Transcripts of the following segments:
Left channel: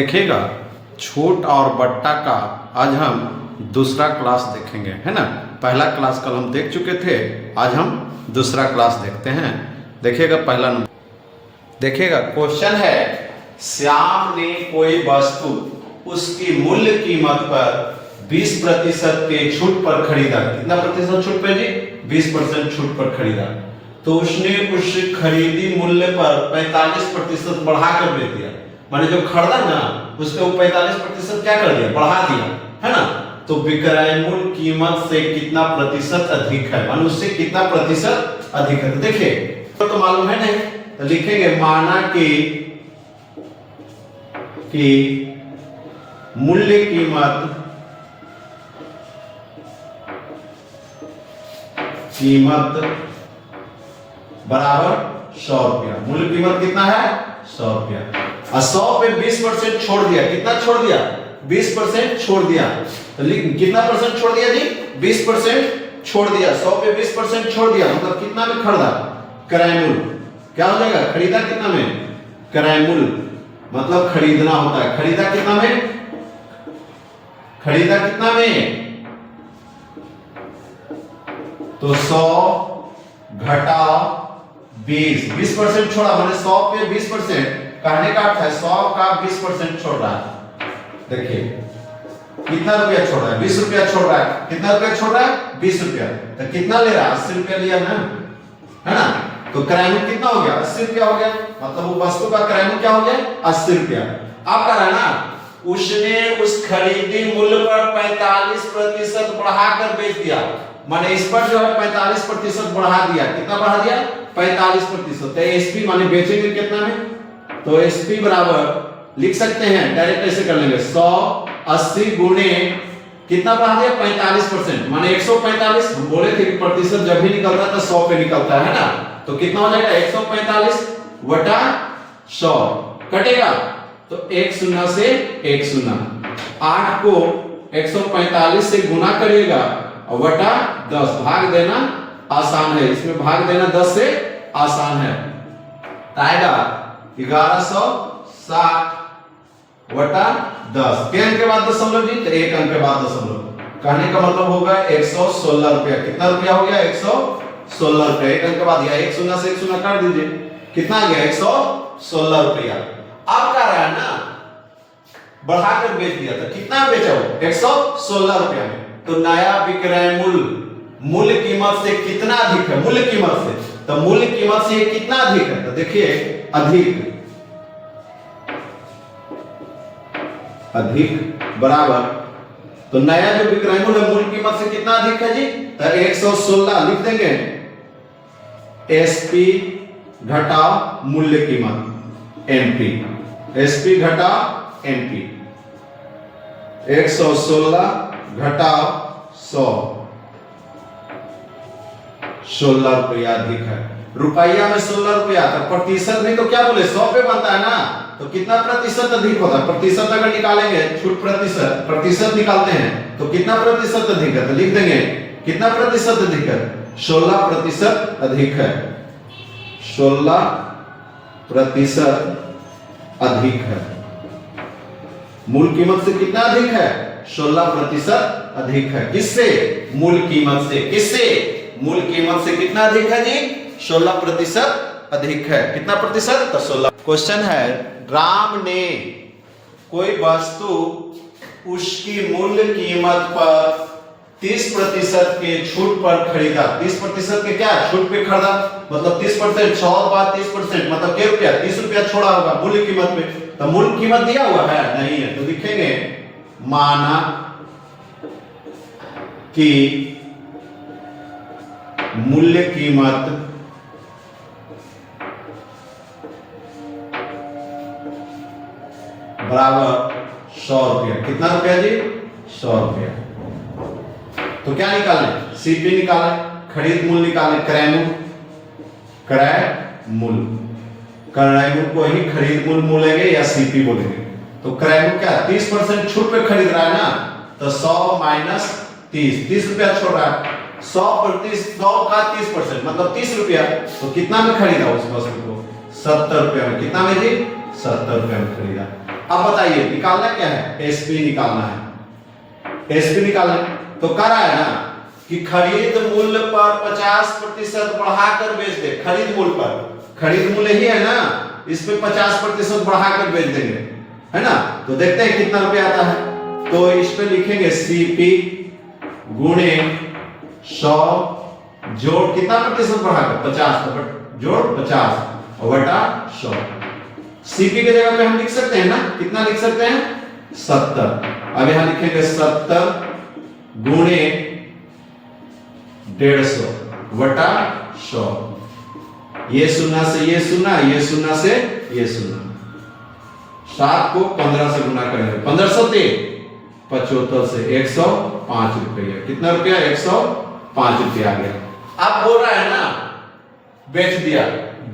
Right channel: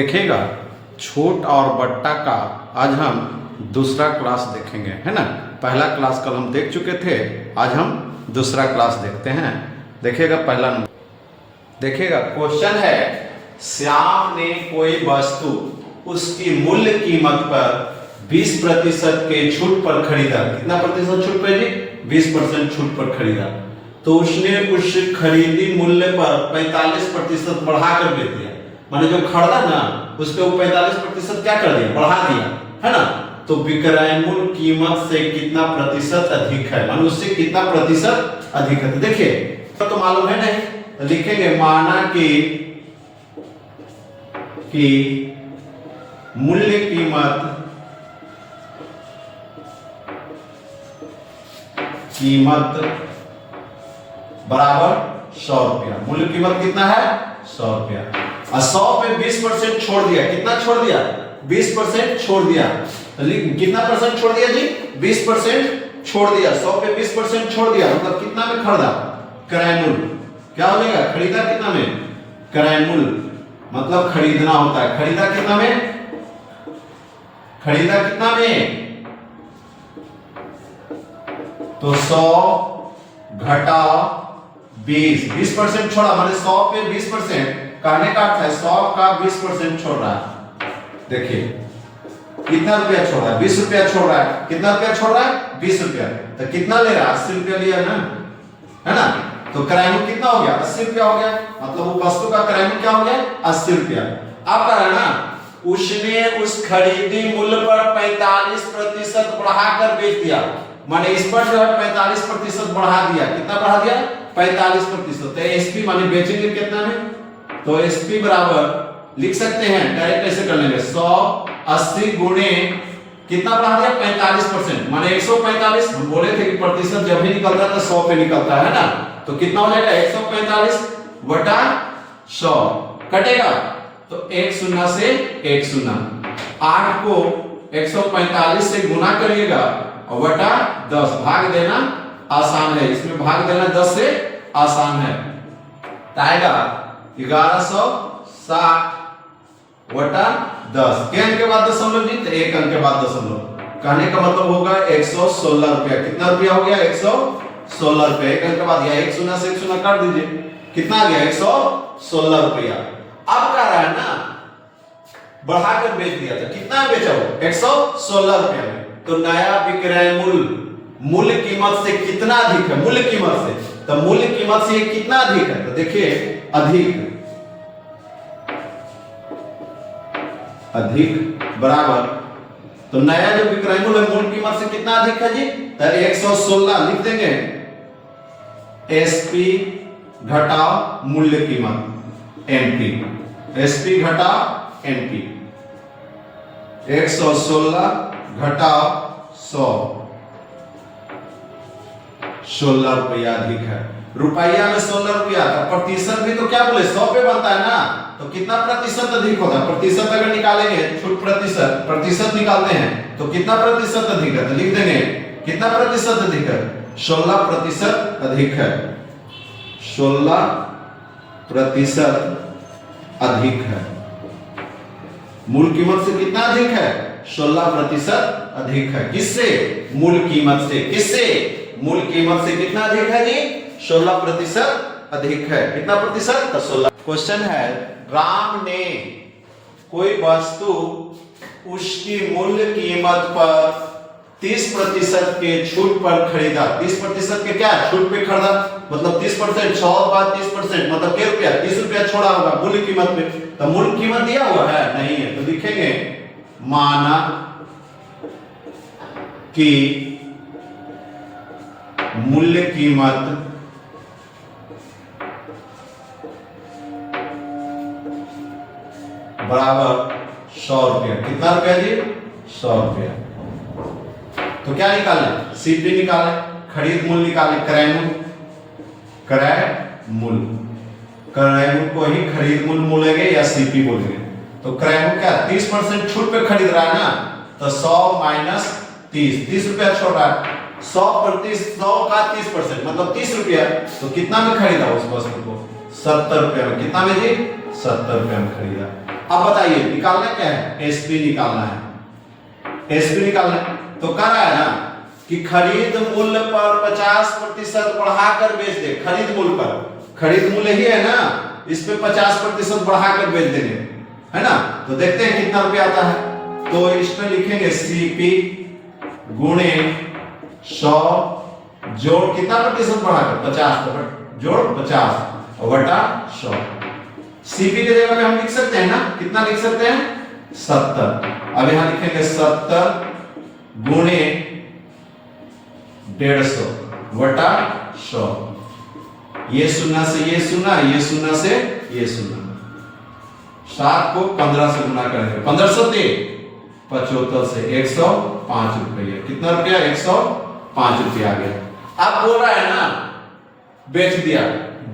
देखिएगा छोट और बट्टा का आज हम दूसरा क्लास देखेंगे, है ना। पहला क्लास कल हम देख चुके थे, आज हम दूसरा क्लास देखते हैं। देखिएगा पहला नंबर, देखिएगा क्वेश्चन है, श्याम ने कोई वस्तु उसकी मूल्य कीमत पर 20% के छूट पर खरीदा। कितना प्रतिशत छूट पे जी? 20% छूट पर खरीदा। तो उसने उस खरीदी मूल्य पर 45% बढ़ाकर दे दिया। माने जो खरीदा ना उसके वो 45% क्या कर दिया? बढ़ा दिया, है ना। तो विक्रय मूल्य कीमत से कितना प्रतिशत अधिक है, माने उससे कितना प्रतिशत अधिक है। तो देखिए तो मालूम है नहीं, तो लिखेंगे माना कि मूल्य कीमत बराबर 100 रुपया। मूल्य कीमत कितना है? 100 रुपया। और 100 पे 20% छोड़ दिया। कितना छोड़ दिया? 20% छोड़ दिया। कितना परसेंट छोड़ दिया जी? 20% छोड़ दिया। 100 पे 20% छोड़ दिया, मतलब कितना में खरीदा? क्रय मूल्य। क्या हो जाएगा? खरीदा कितना में? क्रय मूल्य मतलब खरीदना होता है। खरीदा कितना में? खरीदा कितना में? तो 100 घटा 20% छोड़ा, माने 100 पे 20%। कहने का अर्थ है 100 का 20% छोड़ रहा है। देखिए कितना रुपया छोड़ रहा है? 20 रुपया छोड़ रहा है। कितना रुपया छोड़ रहा है? 20 रुपया। तो कितना ले रहा है? 80 रुपया लिया ना, है ना। तो क्रय मूल्य कितना हो गया? 80 रुपया हो गया। मतलब वो वस्तु का क्रय मूल्य क्या हो गया? 80 रुपया। आप कह रहे हैं ना उसने उस खरीदी मूल्य पर 45% बढ़ाकर बेच दिया। माने इस पर जो है 45% बढ़ा दिया। कितना बढ़ा दिया? 45%। तो एसपी माने बेचेंगे कितना में? तो एसपी बराबर लिख सकते हैं, डायरेक्ट ऐसे कर लेंगे, 180 गुणे कितना बढ़ा दिया? 45%। माने 145। हम बोले थे कि प्रतिशत जब भी निकलता है तो 100 पे निकलता है ना। तो कितना हो जाएगा? 145 बटा 100 कटेगा तो 1 शून्य से 1 शून्य। 8 को 145 से गुना करिएगा और बटा 10। भाग देना आसान है, इसमें भाग देना 10 से आसान है। आएगा 1160 बटा 10। के अंक के बाद दशमलव जी? तो 1 अंक के बाद दशमलव। कहने का मतलब होगा 116 रुपया। कितना रुपया हो गया? 116 रुपया। 1 अंक के बाद 1 शून्य से 1 शून्य काट दीजिए। कितना आ गया? 116 रुपया। अब कह रहा है ना बढ़ाकर बेच दिया, तो कितना बेचा वो? 116 रुपया में। तो नया विक्रय मूल्य कीमत से कितना अधिक है? मूल्य कीमत से। तो मूल्य कीमत से कितना अधिक है? तो देखिए अधिक बराबर, तो नया जो विक्रय मूल्य है मूल्य कीमत से कितना अधिक है जी? तो 116 लिख देंगे, एसपी घटा मूल्य कीमत एमपी। एसपी घटा एमपी। 116 घटा 100, 16 रुपया अधिक है। रुपया में 16 रुपया, तो प्रतिशत भी तो क्या बोले 100 पे बनता है ना। तो कितना प्रतिशत अधिक होता है? प्रतिशत अगर निकालेंगे, छूट प्रतिशत निकालते हैं तो कितना प्रतिशत अधिक है? तो लिख देंगे कितना प्रतिशत अधिक है? 16% अधिक है। 16% अधिक है। मूल कीमत से कितना अधिक है? 16% अधिक है। किससे? मूल कीमत से। किससे? मूल कीमत से कितना अधिक है जी? 16% अधिक है। कितना प्रतिशत? तो 16। क्वेश्चन है, राम ने कोई वस्तु उसकी मूल्य कीमत पर 30% के छूट पर खरीदा। 30% के क्या? छूट पे खरीदा, मतलब 30%। 100 बाद 30% मतलब क्या रुपया? 30 रुपया छोड़ा होगा मूल्य कीमत में। तो मूल्य कीमत दिया हुआ है? नहीं है। तो लिखेंगे माना कि मूल्य कीमत बराबर 100 रुपया। कितना रुपया जी? 100 रुपया। तो क्या निकालें? सीपी निकालें, खरीद मूल्य निकालें, क्रय मूल्य। क्रय मूल्य को ही खरीद मूल्य बोलेंगे या सीपी बोलेंगे। तो क्रय मूल्य क्या? 30% छूट पे खरीद रहा है ना, तो 100 माइनस 30 रुपया छोड़ रहा है। 100 का 30% मतलब 30 रुपया। तो कितना में खरीदा उस वस्तु को? 70 रुपया में। कितना में जी? 70 रुपया में खरीदा। अब बताइए निकालना क्या है, एसपी निकालना है, एसपी निकालना है। तो कह रहा है ना कि खरीद मूल्य पर 50% बढ़ाकर बेच दे, खरीद मूल्य पर, खरीद मूल्य ही है ना, इस पे 50% बढ़ाकर बेच देंगे, है ना। तो देखते हैं कितना रुपया आता है। तो इसमें लिखेंगे सीपी गुणे 100 जोड़ कितना प्रतिशत बढ़ाकर 50, जोड़ 50 और बटा 100। सीपी के जगह पे हम लिख सकते हैं ना, कितना लिख सकते हैं 70। अब यहां लिखेंगे 70 गुणे 150 बटा 100। ये शून्य से ये शून्य, ये शून्य से ये शून्य, 7 को 15 से गुना करेंगे, 1500 75 से 105 रुपया। कितना रुपया 105 रुपया आ गया। अब बोल रहा है ना बेच दिया,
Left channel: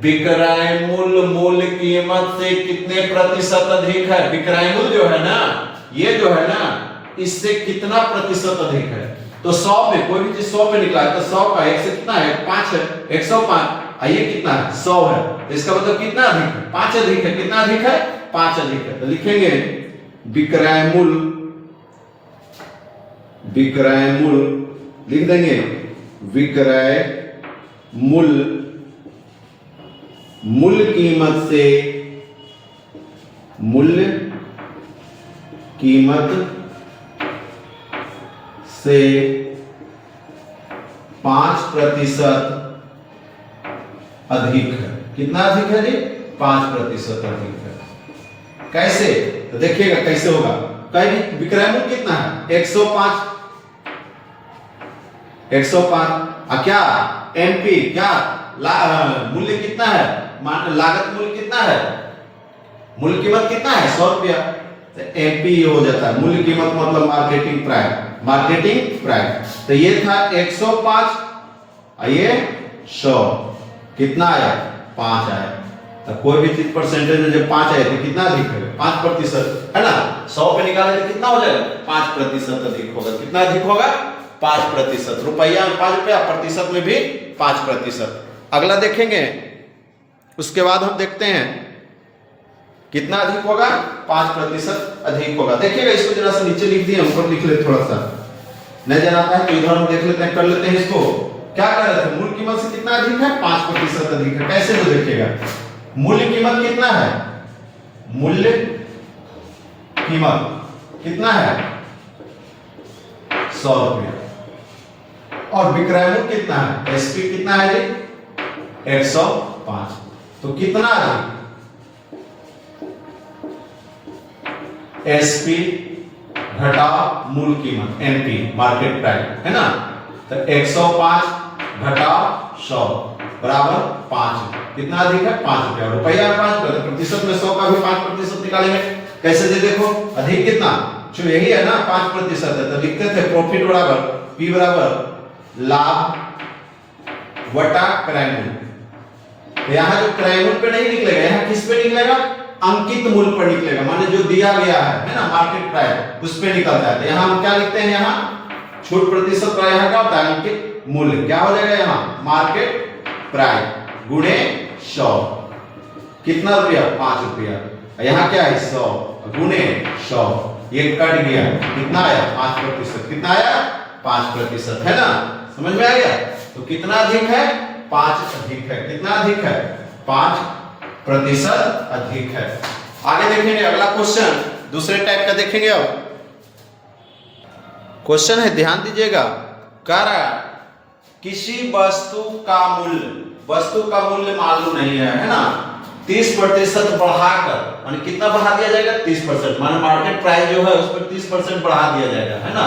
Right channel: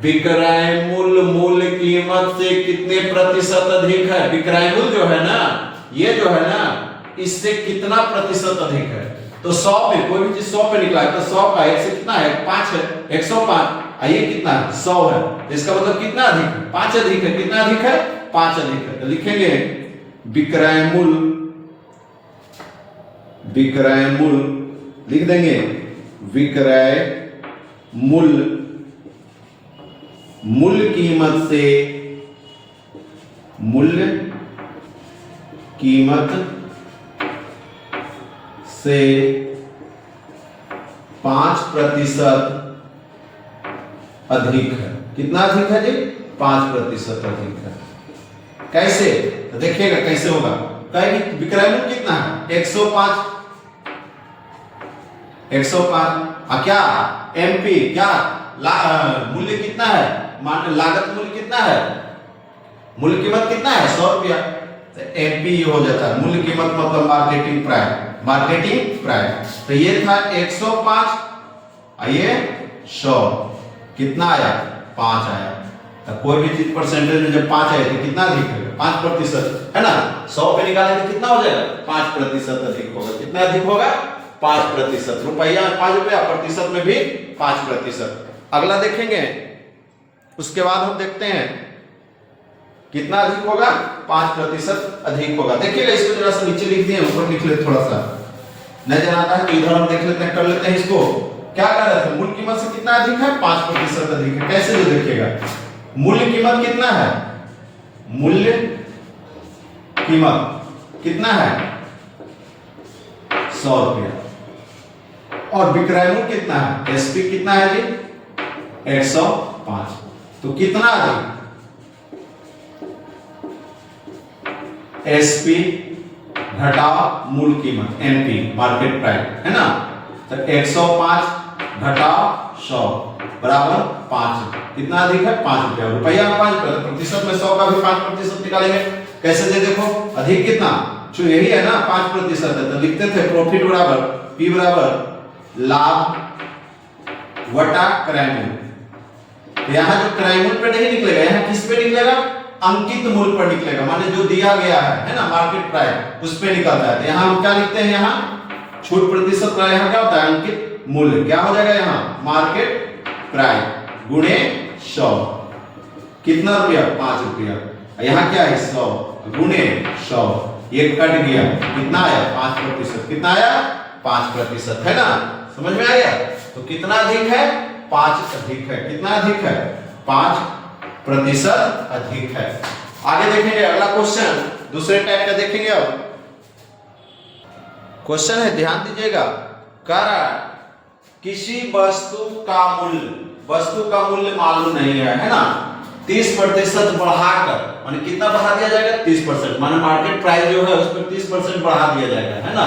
विक्रय मूल्य मूल्य कीमत से कितने प्रतिशत अधिक है, विक्रय मूल्य जो है ना, ये जो है ना, इससे कितना प्रतिशत अधिक है। तो 100 पे कोई भी चीज 100 पे निकला है तो 100 का 1 से कितना है 5 है, 105, ये कितना है 100 है, इसका मतलब कितना अधिक है 5 अधिक है, कितना अधिक है 5 अधिक है। तो लिखेंगे विक्रय मूल्य, विक्रय मूल्य लिख देंगे, विक्रय मूल्य मूल्य कीमत से, मूल्य कीमत से 5% अधिक है। कितना अधिक है जी 5% अधिक है। कैसे, तो देखिएगा कैसे होगा। कहीं विक्रय मूल्य कितना है 105, 105 क्या एमपी क्या मूल्य कितना है, लागत मूल्य कितना है, मूल्य कीमत कितना है 100 रुपया, तो एमपी हो जाता है। मूल्य कीमत मतलब मार्केटिंग प्राइस, मार्केटिंग प्राइस। तो ये था 105, ये 100, कितना आया 5 आया। तो कोई भी चीज परसेंटेज में जब 5 आए तो कितना अधिक है 5% है ना। 100 पे निकाले तो कितना हो जाएगा 5% अधिक होगा। कितना अधिक होगा 5%। रुपया 5 रुपया, प्रतिशत में भी 5%। अगला देखेंगे, उसके बाद हम देखते हैं कितना अधिक होगा 5% अधिक होगा। देखिएगा इसको जरा सा नीचे लिख दिए, ऊपर लिख ले थोड़ा सा, नहीं जनाता है तो इधर हम देख लेते हैं, कर लेते हैं इसको। क्या कर रहे थे, मूल्य कीमत से कितना अधिक है 5% अधिक है। कैसे जो देखिएगा, मूल्य कीमत कितना है, मूल्य कीमत कितना है 100 रुपया, और विक्रय मूल्य कितना है, एसपी कितना है जी 105। तो कितना अधिक, एसपी घटा मूल कीमत, एमपी मार्केट प्राइस, है ना। तो 105 घटा 100 बराबर 5। कितना अधिक है 5 रुपया। रुपया 5, प्रतिशत में 100 का भी 5% निकालेंगे। कैसे दे देखो, अधिक कितना, जो यही है ना 5% है, तो लिखते थे प्रॉफिट बराबर पी बराबर लाभ वटा क्रय मूल्य। तो यहाँ जो क्रय मूल्य पे नहीं निकलेगा, यहाँ किस पे निकलेगा, अंकित मूल्य पर निकलेगा, माने जो दिया गया है ना मार्केट प्राइस, उस पे निकलता है। तो यहाँ हम क्या लिखते हैं, यहाँ छूट प्रतिशत प्राइस क्या होता है अंकित मूल्य, क्या हो जाएगा यहाँ मार्केट प्राइस गुणे 100। कितना रुपया 5 रुपया, यहाँ क्या है 100 गुणे 100, ये कट गया, कितना आया 5%। कितना आया 5% है ना, समझ में आ गया। तो कितना अधिक है 5 अधिक है। कितना अधिक है 5% अधिक है। आगे देखेंगे अगला क्वेश्चन, दूसरे टाइप का देखेंगे। अब क्वेश्चन है, ध्यान दीजिएगा, कह रहा है किसी वस्तु का मूल्य, वस्तु का मूल्य मालूम नहीं है ना, 30% बढ़ाकर, माने कितना बढ़ा दिया जाएगा 30%, माने मार्केट प्राइस जो है उस पर 30% बढ़ा दिया जाएगा, है ना।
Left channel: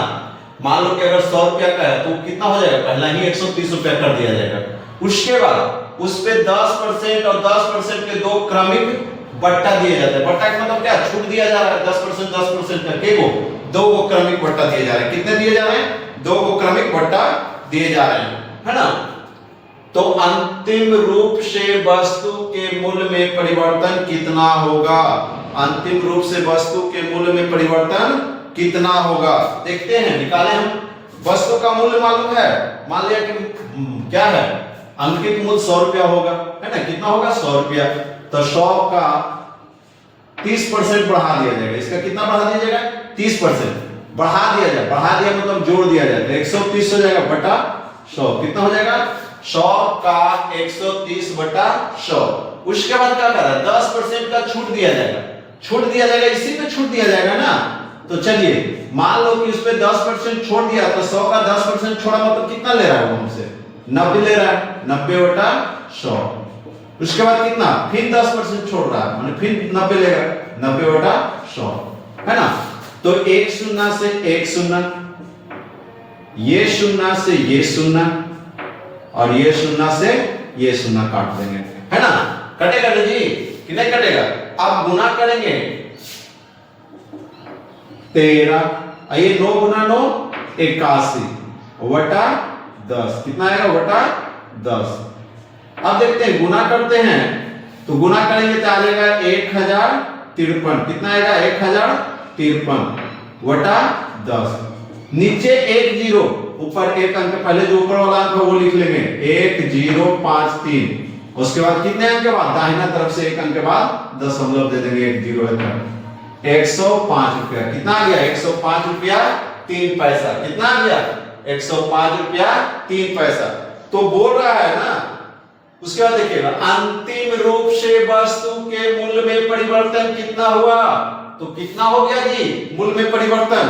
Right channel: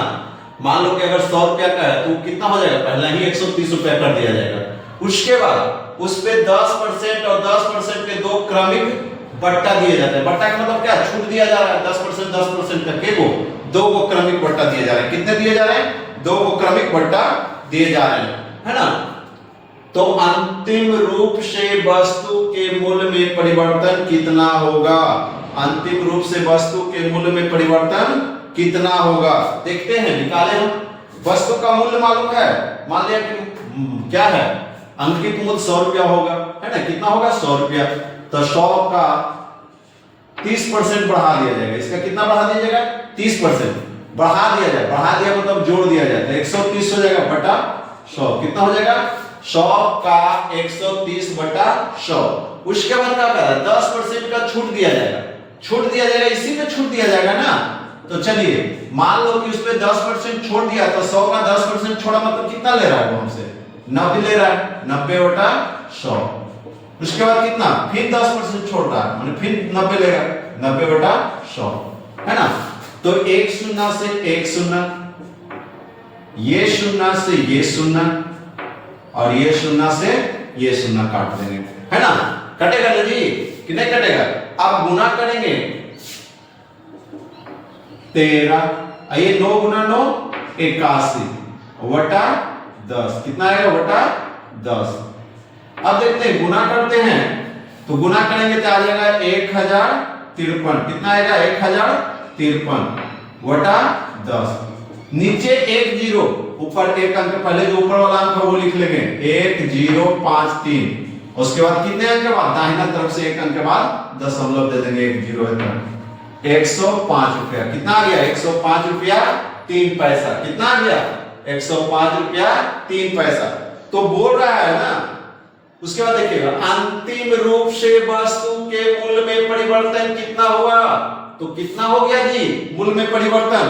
मान लो कि अगर 100 रुपया का है तो कितना हो जाएगा, पहला ही 130 रुपया कर दिया जाएगा। उसके बाद उस पे 10% और 10% के 2 क्रमिक बट्टा दिए जाते हैं। बट्टा का मतलब क्या, छूट दिया जा रहा है 10% करके को 2 को क्रमिक बट्टा दिए जा रहे हैं। कितने दिए जा रहे हैं 2 को क्रमिक बट्टा दिए जा रहे हैं, है ना। तो अंतिम रूप से वस्तु के मूल्य में परिवर्तन कितना होगा, अंतिम रूप से वस्तु के मूल्य में परिवर्तन कितना होगा, देखते हैं, निकाले हम। वस्तु का मूल्य मालूम है, मान लिया कि क्या है अंकित मूल्य 100 रुपया होगा, है ना। कितना होगा 100 रुपया। तो 100 का 30% बढ़ा दिया जाएगा। इसका कितना बढ़ा दिया जाएगा? 30% बढ़ा दिया जाए। बढ़ा दिया मतलब जोड़ दिया जाए, 130 हो जाएगा बटा 100। कितना हो जाएगा? 100 का 130 बटा 100। उसके बाद क्या कर रहा है? 10% का छूट दिया जाएगा। छूट दिया जाएगा, इसी पे छूट दिया जाएगा ना। तो चलिए मान लो कि उस पे 10% छोड़ दिया, तो 100 का 10% छोड़ा मतलब कितना ले रहा है वो हमसे? 90 ले रहा है। 90 बटा 100। उसके बाद कितना? फिर 10% छोड़ रहा है, माने फिर 90 लेगा। 90 बटा 100 है ना। तो एक शून्य से एक शून्य, ये शून्य से ये शून्य, और ये शून्य से ये शून्य काट देंगे, है ना। कटेगा ना जी कि नहीं कटेगा? अब गुना करेंगे 13, ये 9 गुना 9 81 बटा 10। कितना आएगा? बटा 10। अब देखते हैं गुना करते हैं, तो गुना करेंगे तो आ जाएगा 1053। कितना आएगा? 1053 बटा 10। नीचे 1 0, ऊपर एक अंक, पहले जो ऊपर वाला अंक है वो लिख लेंगे 1053। उसके बाद कितने अंक के बाद? दाहिना तरफ से एक अंक के बाद दशमलव दे देंगे, 1 0 है। 105 रुपया। कितना आ गया? 105 रुपया 3 पैसा। कितना आ गया? 105 रुपया 3 पैसा। तो बोल रहा है ना। उसके बाद देखिएगा, अंतिम रूप से वस्तु के मूल्य में परिवर्तन कितना हुआ? तो कितना हो गया जी मूल्य में परिवर्तन?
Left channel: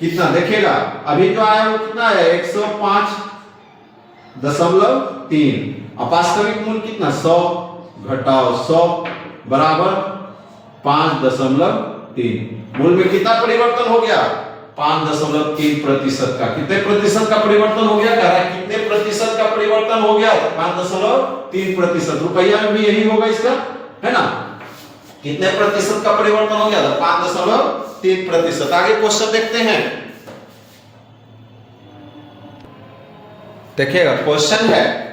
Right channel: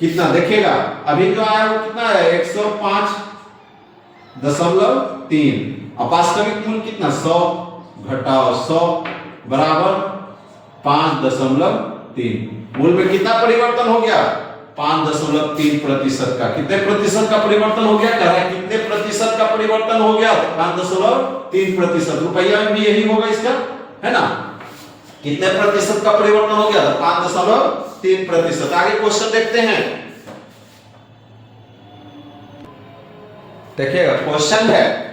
कितना देखिएगा, अभी जो आया वो कितना है? 105.3। अब वास्तविक मूल्य कितना? 100 घटाओ 100 बराबर 5.3। मूल्य में कितना परिवर्तन हो गया? 5.3% का। कितने प्रतिशत का परिवर्तन हो गया? कह रहा है कितने प्रतिशत का परिवर्तन हो गया? 5.3%। रुपया में भी यही होगा इसका, है ना। कितने प्रतिशत का परिवर्तन हो गया? 5.3%। आगे क्वेश्चन देखते हैं। देखिएगा क्वेश्चन है,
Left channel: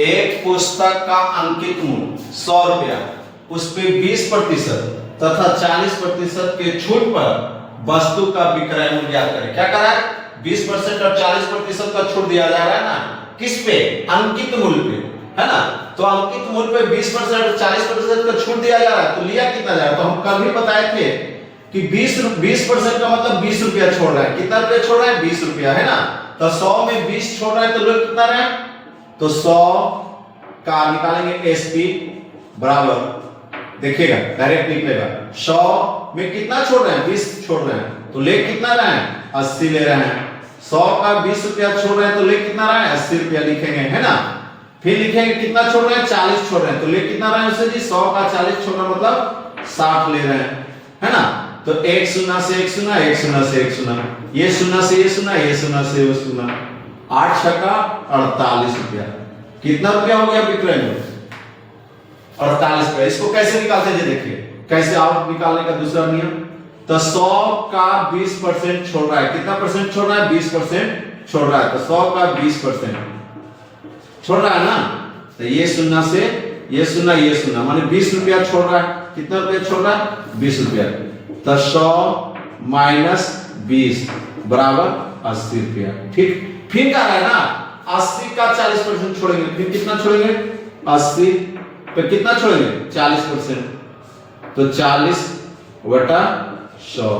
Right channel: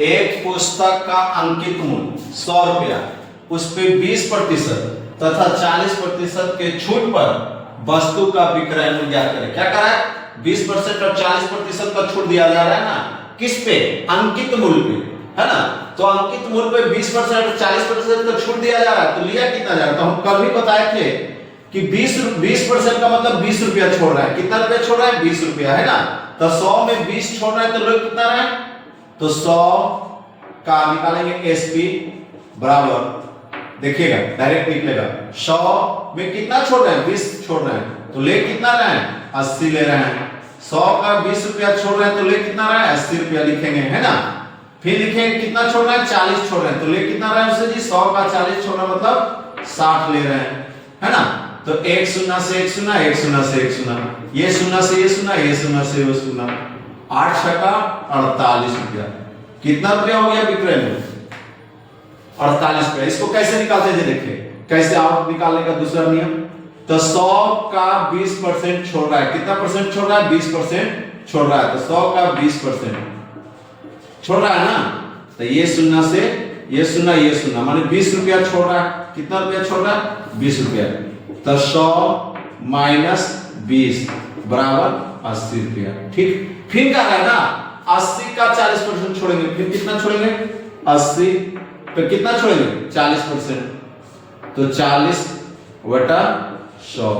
एक पुस्तक का अंकित मूल्य 100 रुपया, उस पे 20% तथा 40% के छूट पर वस्तु का विक्रय मूल्य ज्ञात करें। क्या करा है? 20% और 40% का छूट दिया जा रहा है ना। किस पे? अंकित मूल्य पे, है ना। तो अंकित मूल्य पे 20% और 40% का छूट दिया जा रहा है, तो लिया कितना जा रहा है? तो हम कल भी बताए थे कि 20% का मतलब 20 रुपया छोड़ रहा है। कितना रुपया छोड़ रहा है? 20 रुपया, है ना। तो 100 में 20 छोड़ रहा है, तो लोग कितना रहा है? तो 100 का निकालेंगे एसपी बराबर, देखिएगा डायरेक्ट निकलेगा। 100 में कितना छोड़ रहे हैं? 20 छोड़ रहे हैं, तो ले कितना रहे हैं? 80 ले रहे हैं। 100 का 20 रुपया छोड़ रहे हैं, तो ले कितना रहे हैं? 80 रुपया लिखेंगे, है ना। फिर लिखेंगे कितना छोड़ रहे हैं? 40 छोड़ रहे हैं, तो ले कितना रहे हैं उसे जी? 100 का 40 छोड़ना मतलब 60 ले रहे हैं, है ना। तो एक शून्य से एक शून्य, एक शून्य से एक शून्य, ये शून्य से ये शून्य, ये शून्य से वो शून्य। 8 छक्का 48 रुपया। कितना रुपया हो गया विक्रय मूल्य? 48 रुपया। इसको कैसे निकालते हैं देखिए, कैसे आप निकालने का दूसरा नियम। तो 100 का 20% छोड़ रहा है। कितना परसेंट छोड़ रहा है? 20% छोड़ रहा है। तो 100 का 20% छोड़ रहा है ना। तो ये शून्य से ये शून्य, ये शून्य, माने 20 रुपया छोड़ रहा है। कितना रुपया छोड़ रहा है? 20 रुपया। तो 100 माइनस 20 बराबर 80 रुपया। ठीक। फिर क्या है ना, 80 का 40% छोड़ेंगे। फिर कितना छोड़ेंगे? 80 पे कितना छोड़ेंगे? 40%। तो 40 बटा 100।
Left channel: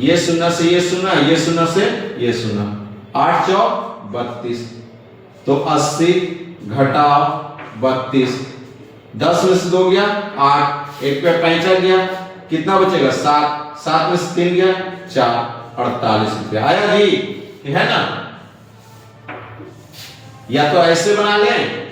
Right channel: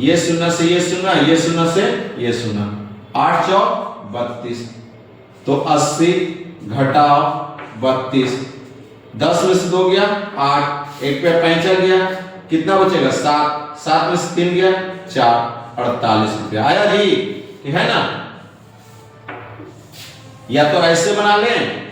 ये शून्य से ये शून्य, ये शून्य से ये शून्य। 8 चौक 32। तो 80 घटाओ 32, 10 में से 2 गया 8, एक पे 5 गया, कितना बचेगा? 7, 7 में से 3 गया 4, 48 रुपया आया जी, है ना। या तो ऐसे बना लें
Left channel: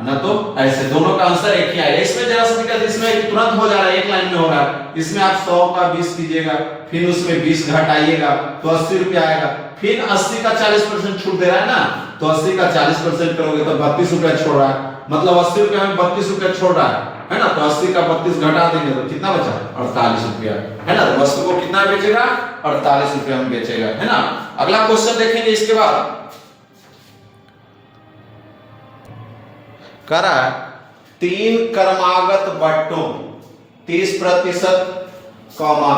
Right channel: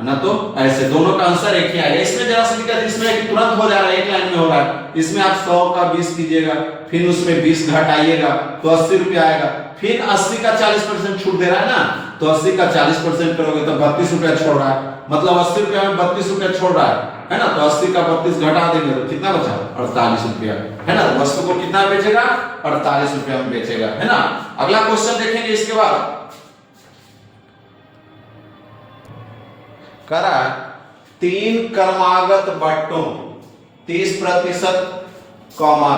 ना तो ऐसे, दोनों का आंसर एक ही आएगा। इसमें जरा सा दिक्कत इसमें तुरंत हो जा रहा है, एक लाइन में हो रहा है। इसमें आप 100 का 20 कीजिएगा, फिर उसमें 20 घटाइएगा तो 80 रुपया आएगा। फिर 80 का 40% छूट दे रहा है ना, तो 80 का 40% करोगे तो 32 रुपया छोड़ रहा है, मतलब 80 रुपया में 32 रुपया छोड़ रहा है ना। तो 80 का 32 घटा देंगे तो कितना बचा? 48 रुपया, है ना। तो वस्तु को कितना बेचेगा? 48 रुपया में बेचेगा, है ना। अगला क्वेश्चन देखेंगे इसके बाद। करा 3 क्रमागत बट्टों 30%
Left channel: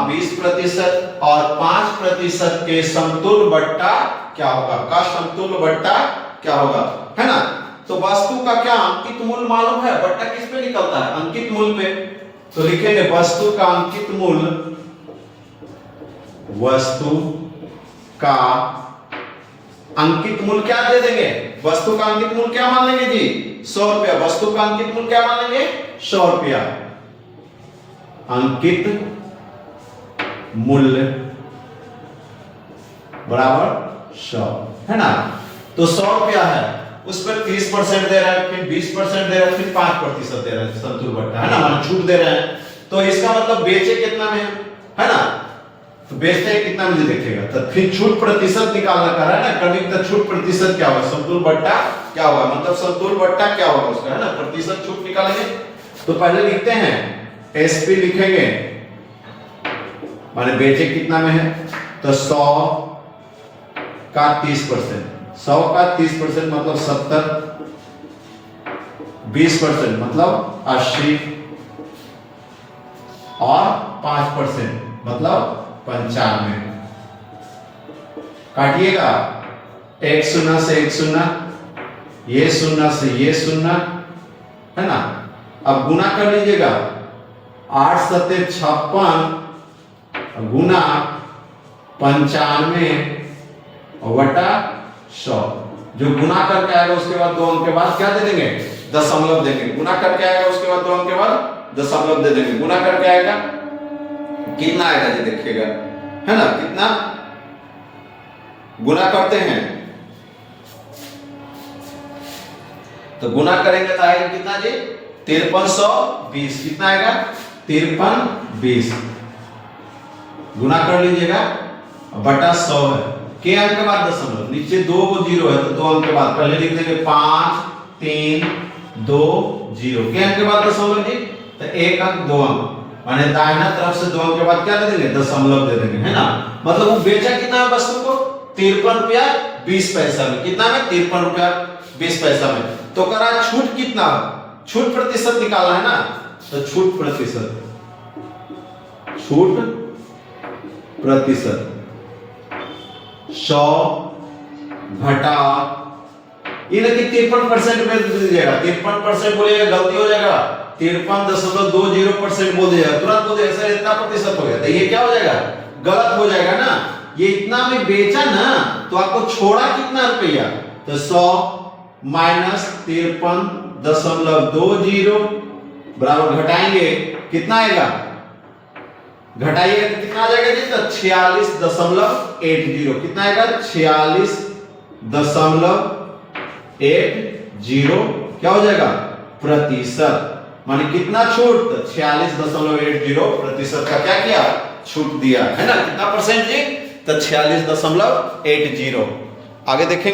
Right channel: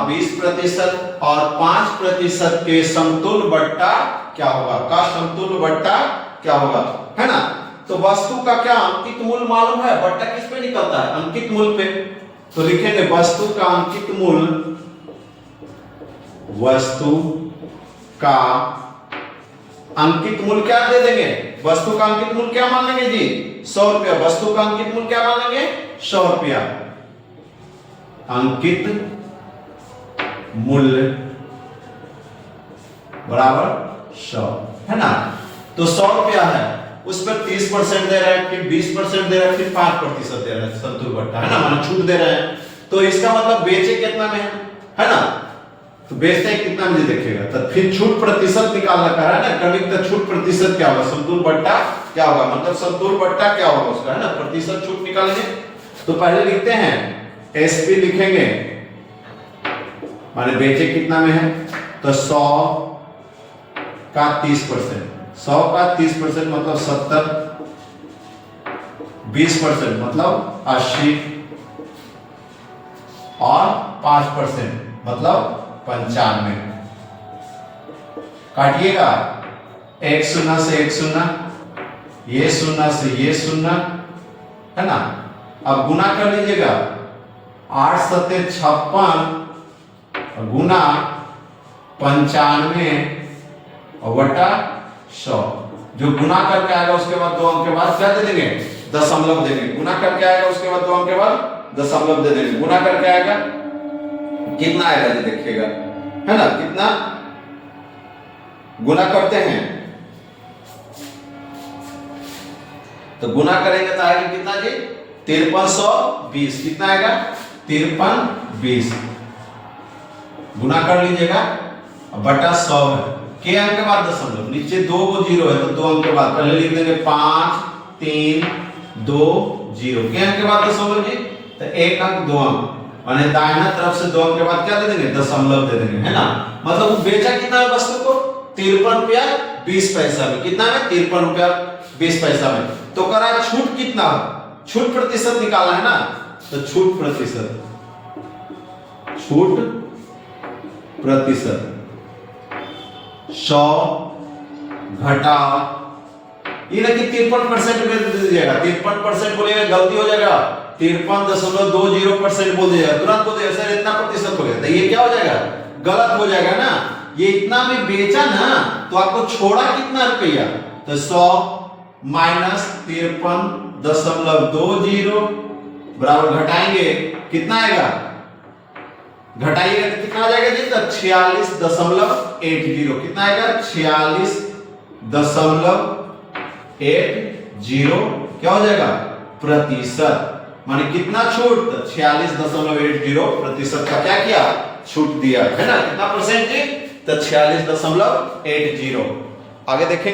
20% और 5% के समतुल्य बट्टा क्या होगा? का समतुल्य बट्टा क्या होगा, है ना। तो वस्तु का क्या अंकित मूल्य मालूम है, बट्टा किस पे निकलता है? अंकित मूल्य पे। तो लिखेंगे वस्तु का अंकित मूल्य, वस्तु का अंकित मूल्य क्या दे देंगे, वस्तु का अंकित मूल्य क्या मान लेंगे जी, 100 रुपया। वस्तु का अंकित मूल्य क्या मान लेंगे, 100 रुपया। अंकित मूल्य बराबर 100 है ना। तो 100 रुपया है, उस पर 30% दे रहे हैं, फिर 20% दे रहे हैं, फिर 5% दे रहे हैं संतुल बट्टा, है ना, माने छूट दे रहे हैं। तो इसका मतलब बेचे कितना में है ना, तो बेचते हैं कितना में देखिएगा। तो फिर छूट प्रतिशत निकालना का है ना, क्रमिक तो छूट प्रतिशत क्या होगा, संतुल बट्टा क्या होगा, मतलब संतुल बट्टा क्या होगा उसका, है ना, प्रतिशत छूट निकालेंगे। तो पहले लिखते हैं एसपी लिखेंगे, माने बेचे कितना में है, तो 100 का 30%, 100 का 30% मतलब 70, 20% मतलब 80 और 5% मतलब 95। काटिएगा, एक शून्य से एक शून्य, ये शून्य से ये शून्य, है ना। अब गुना कर लीजिएगा, 8 सत्ते 56 गुना 95 और बटा 100। जो गुना करके आएगा उसके बाद 2 अंक के बाद क्या दे देंगे, दशमलव देंगे। गुना करके आएगा उसके बाद 2 अंक के बाद दशमलव दे देंगे। गुना करके आएगा कितना आएगा जी देखिएगा, है ना, कितना गुना करते हैं तो गुना करेंगे तो आएगा कितना जी, 5320। कितना आएगा, 5320। गुना कर लीजिएगा, बटा 100 है, के अंक के बाद दशमलव, नीचे 2 को 0 है तो 2 अंक के बाद पहले लिख देंगे 5 3 2 0, के अंक के बाद दशमलव जी, तो 1 अंक 2 अंक, माने दाहिना तरफ से 2 अंक के बाद क्या दे देंगे, दशमलव दे देंगे, है ना। मतलब वो बेचा कितना है वस्तु को, 53 रुपया 20 पैसा में। कितना में, 53 रुपया 20 पैसा में। तो करा छूट कितना, छूट प्रतिशत निकालना है ना, तो छूट प्रतिशत, छूट प्रतिशत 100 घटा ये ना कि 53% में दे दीजिएगा, 53% बोलेगा गलती हो जाएगा, 53.20% बोल दीजिएगा, तुरंत बोल दीजिएगा सर इतना प्रतिशत हो गया, तो ये क्या हो जाएगा, गलत हो जाएगा ना। ये इतना में बेचा ना, तो आपको छोड़ा कितना रुपया, तो 100 माइनस 53.20 बराबर घटाएंगे कितना आएगा, घटाइएगा तो कितना आ जाएगा जी, तो 46.80। कितना आएगा, 46.80 क्या हो जाएगा, प्रतिशत। माने कितना छूट, 46.80 प्रतिशत का क्या किया, छूट दिया, है ना। कितना परसेंट जी, तो 46.80। आगे देखेंगे।